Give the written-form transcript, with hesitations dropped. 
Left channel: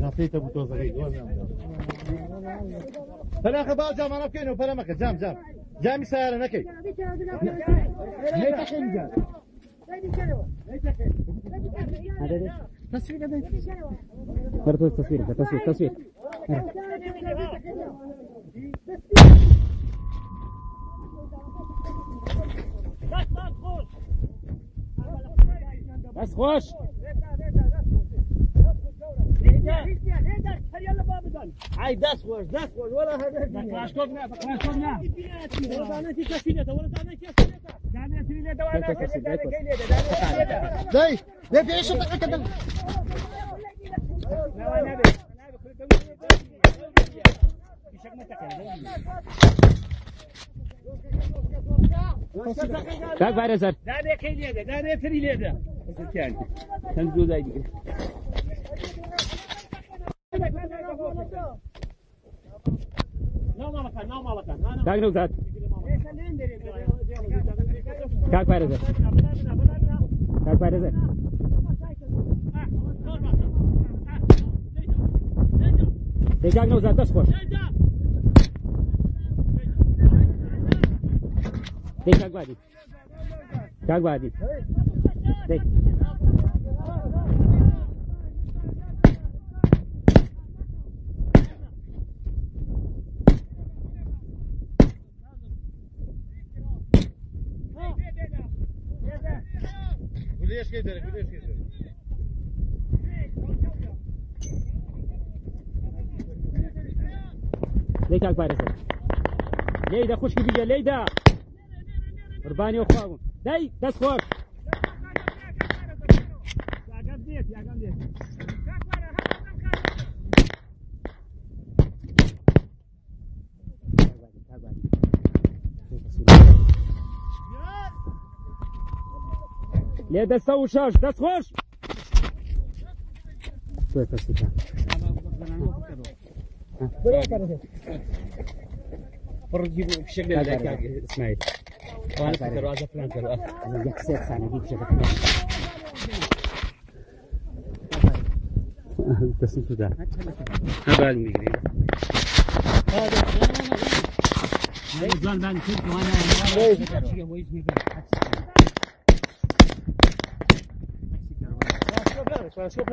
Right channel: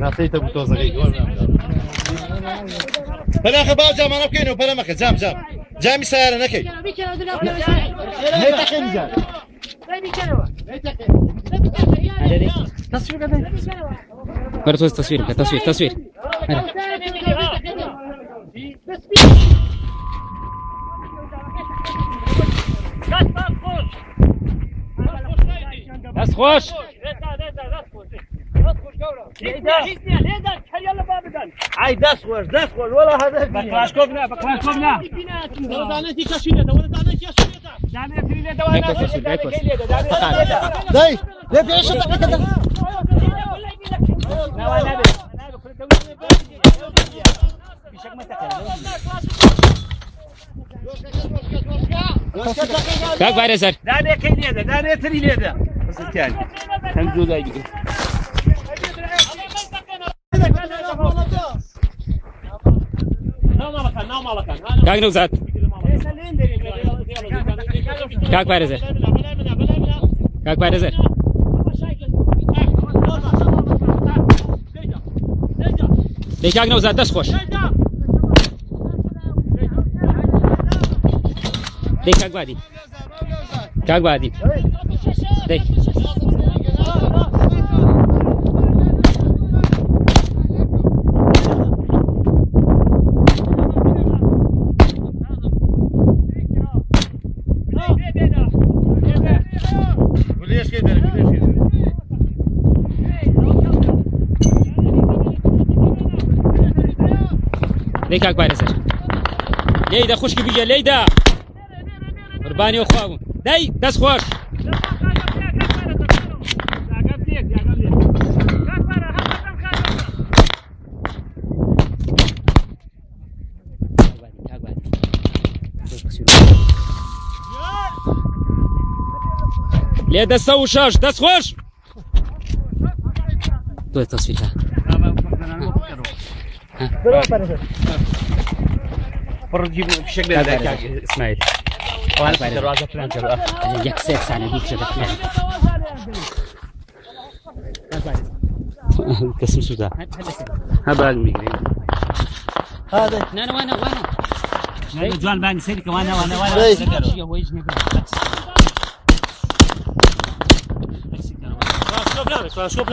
ناسيته بتوزغي بلا خباو جام انا بكينو بلا مكه جام جامي سياره نكي ليه تخين جام تصوير برضو تصوير بس خوش عاي داس خوش ولا هذا بكلاشكوفنا داي ليه في عيش كده كاك باير سر داني كيليدا داني تريليدا بس الثاني تنزل زي كاك نوزات كاك باير سر دي كاك نوزات دس خوش دي كاك بادي دي وليش كده ليك اكبر سر ليدا خوش بيجي ليدا قرباني اخوهم داي دس خوش ليدا سو شاش دس خوش تو التصوير فرجيب بشكل هذا اسماعيل وانا في دروازه فلان كذا يكسر سنه دي كذا تسمع سودا هذا الميجري هذا وانا جوان بان سيرك وانا شوف